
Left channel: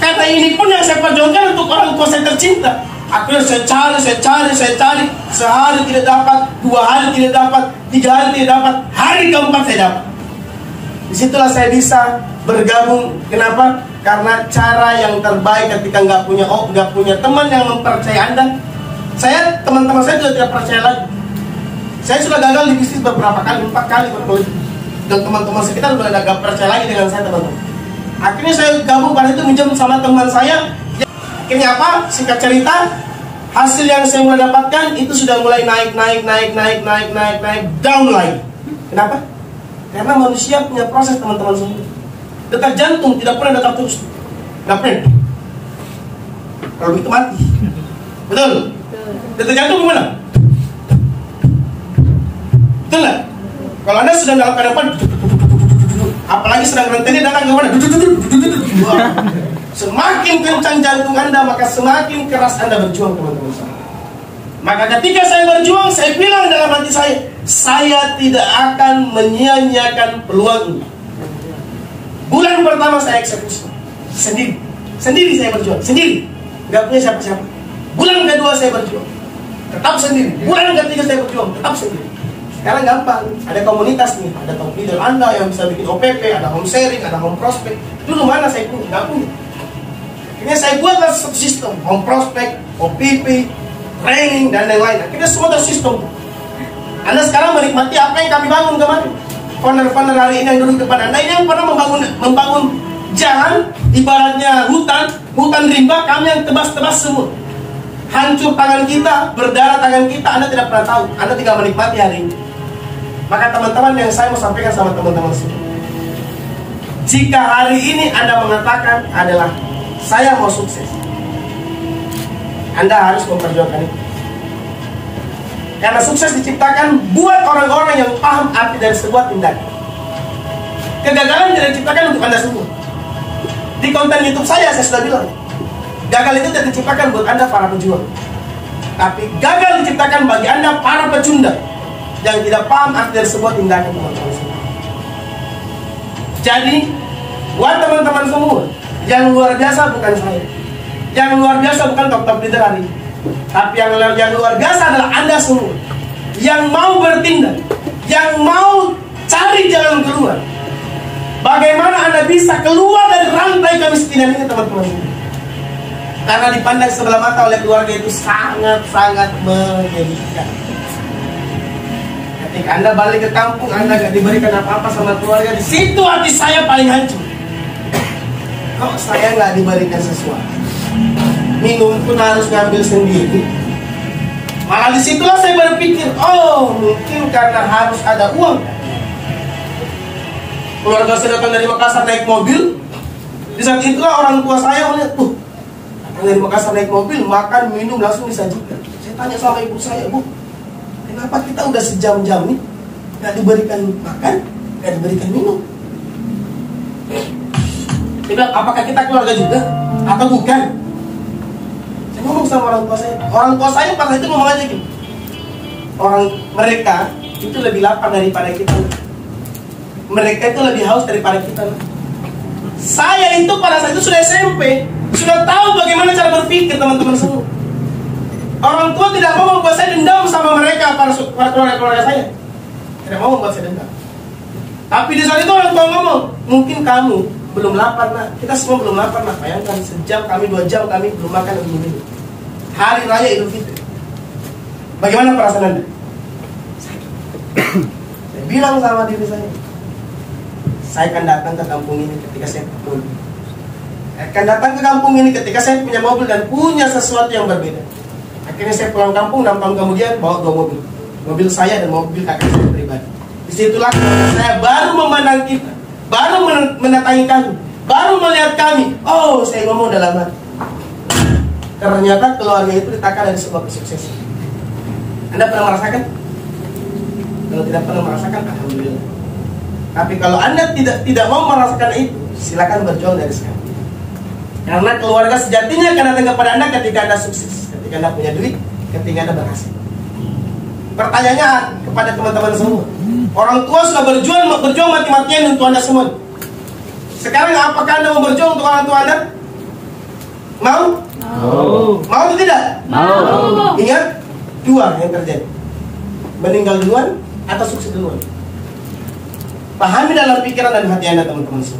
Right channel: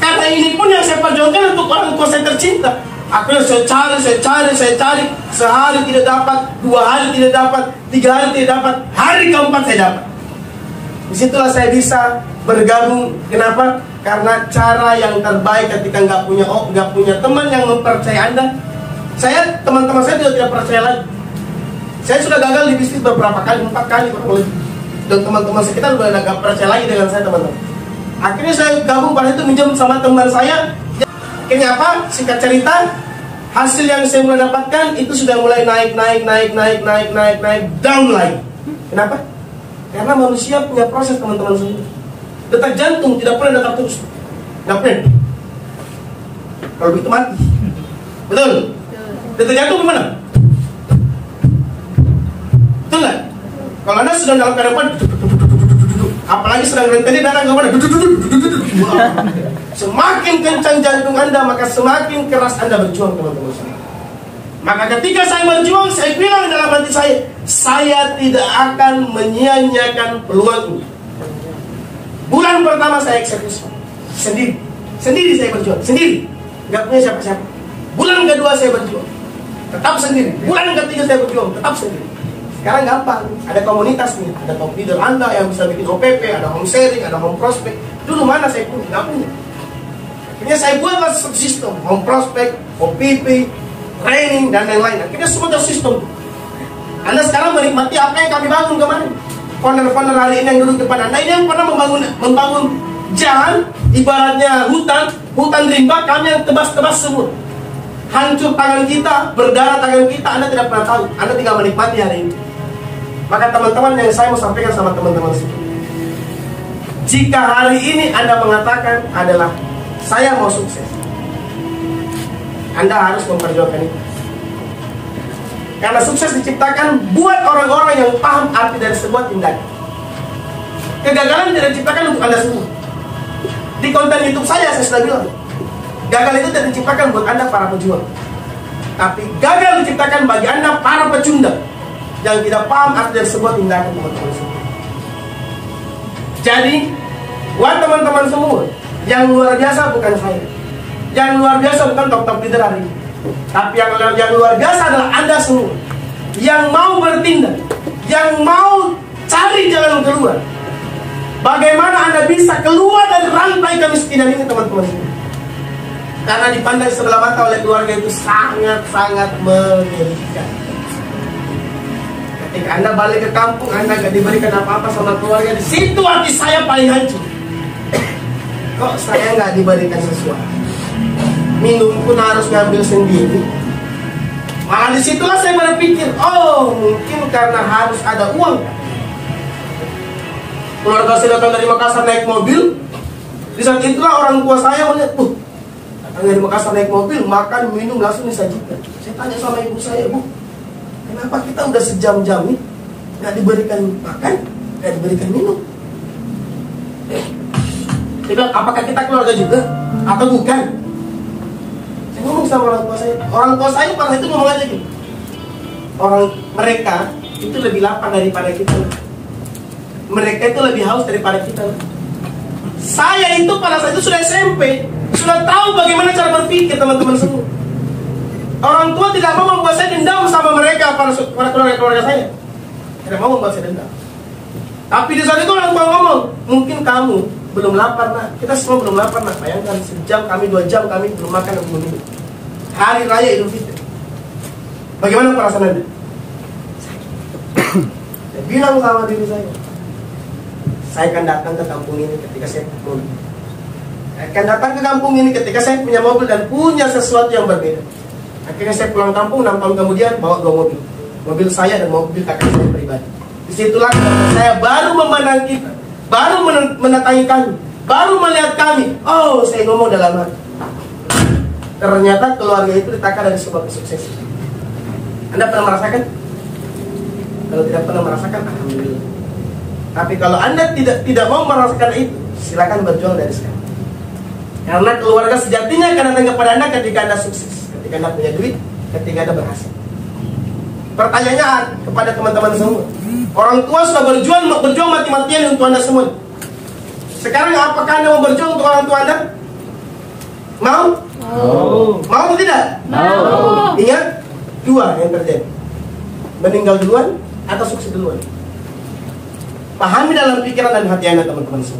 Kata ini pun yang saya perjuangkan untuk orang tua saya tercinta. Akhirnya saya cari. Sehari tidak dapat, 2 hari tidak dapat, 3 hari tidak dapat, hari keempat saya dapat. Disitulah saya bisa bergabung. Kenapa? Karena cara yang terbaik ketika nggak punya teman yang mempercayai Anda. Teman-teman saya juga tidak percaya lagi. Saya sudah gagal di bisnis beberapa kali, 4 kali kurang lebih. Dan teman-teman sekitar sudah nggak percaya lagi dengan saya, teman-teman. Akhirnya saya gabung pada itu, minjem sama teman saya. Akhirnya apa? Singkat cerita, hasil yang saya mulai dapatkan itu sudah mulai naik, down lagi. Kenapa? Karena manusia punya proses, teman-teman semua. Detak jantung tidak pernah detak terus. Nggak pernah. Kalau begitu mati. Betul? Detak jantung gimana? Betul nggak? Kalau Anda sedang dalam keadaan, apalagi sedang rentenir datang ke mana? Semakin kencang jantung Anda, maka semakin keras Anda berjuang, teman-teman. Maka ketika saya berjuang, saya bilang dalam hati saya tidak akan menyia-nyiakan peluang ini. Bulan pertama saya eksekusi sendiri saya berjuang, sendiri, nggak punya siapa-siapa. Bulan kedua saya berjuang, tetap sendiri. Bulan ketiga saya berjuang, tetap sendiri. Sekarang gampang, ada komunitas nih, ada top leader Anda yang bisa bikin OPP, ada home sharing, ada home prospect. Dulu mana saya punya? Nggak punya. Akhirnya saya buatlah sistem home prospect, OPP, training, dan lain-lain. Akhirnya semua ada sistem. Anda sekarang menikmati apa yang kami bangun kemarin. Founder-founder hari ini yang duduk depan Anda, ini yang pernah membangun jalan, ibaratnya hutan rimba, kami yang tebas-tebas semua. Hancur tangan kita, berdarah tangan kita, Anda tidak pernah tahu. Anda tinggal menikmati hari ini. Maka teman-teman, yang saya mau sampaikan sama teman-teman semua, jika hari ini Anda mengatakan adalah saya mau sukses, Anda harus memperjuangkan itu. Karena sukses diciptakan buat orang-orang yang paham arti dari sebuah tindakan. Kegagalan tidak diciptakan untuk Anda semua. Di konten YouTube saya sudah bilang, gagal itu tidak diciptakan buat Anda para pejuang, tapi gagal diciptakan bagi Anda para pecundang yang tidak paham arti dari sebuah tindakan, teman-teman semua. Jadi, buat teman-teman semua, yang luar biasa bukan saya, yang luar biasa bukan top leader hari ini, tapi yang luar biasa adalah Anda semua yang mau bertindak, yang mau cari jalan keluar. Bagaimana Anda bisa keluar dari rantai kemiskinan ini, teman-teman? Karena dipandang sebelah mata oleh keluarga itu sangat-sangat menyedihkan. Ketika Anda balik ke kampung, Anda gak diberikan apa-apa sama keluarga, di situ hati saya paling hancur. Kok saya gak diberikan sesuatu? Minum pun harus ngambil sendiri. Maka disitulah saya berpikir, oh mungkin karena harus ada uang. Keluarga saya datang dari Makassar naik mobil. Di saat itulah orang tua saya melihat, datang dari Makassar naik mobil, makan, minum langsung disajikan. Saya tanya sama ibu saya, Bu, kenapa kita udah sejam-jam nih gak diberikan makan, gak diberikan minum? Dia bilang, apakah kita keluarga juga atau bukan? Saya ngomong sama orang tua saya. Orang tua saya pada itu ngomong aja gitu, mereka itu lebih lapar daripada kita. Mereka itu lebih haus daripada kita. Saya itu pada saat itu sudah SMP, sudah tahu bagaimana cara berpikir, teman-teman semua. Orang tua tidak mau membuat saya dendam sama mereka, para keluarga saya. Tidak mau membuat saya dendam. Tapi di saat itu orang tua ngomong, mungkin kamu belum lapar, nak. Kita semua belum lapar, nak. Bayangkan, sejam kami, 2 jam kami belum makan dan belum minum. Hari Raya Idul Fitri. Bagaimana perasaan Anda? Sakit. Saya bilang sama diri saya akan datang ke kampung ini ketika saya punya mobil. Saya akan datang ke kampung ini ketika saya punya mobil dan punya sesuatu yang berbeda. Akhirnya saya pulang kampung, 6 tahun kemudian bawa 2 mobil. Mobil saya dan mobil kakak saya pribadi. Disitulah saya baru memandang kita, baru mendatangi kami, baru melihat kami. Oh, saya ngomong dalam hati, ternyata keluarga itu ditaka dari sebuah kesuksesan. Anda pernah merasakan? Kalau tidak pernah merasakan, alhamdulillah. Tapi kalau Anda tidak mau merasakan itu, silakan berjuang dari sekarang. Karena keluarga sejatinya akan datang kepada Anda ketika Anda sukses, ketika Anda punya duit, ketika Anda berhasil. Pertanyaannya kepada teman-teman semua, orang tua sudah berjuang mati-matian untuk Anda semua. Sekarang apakah Anda mau berjuang untuk orang tua Anda? Mau? Mau atau tidak? Mau. Ingat, 2 yang terjadi, meninggal duluan atau sukses duluan. Pahami dalam pikiran dan hati Anda, teman-teman semua.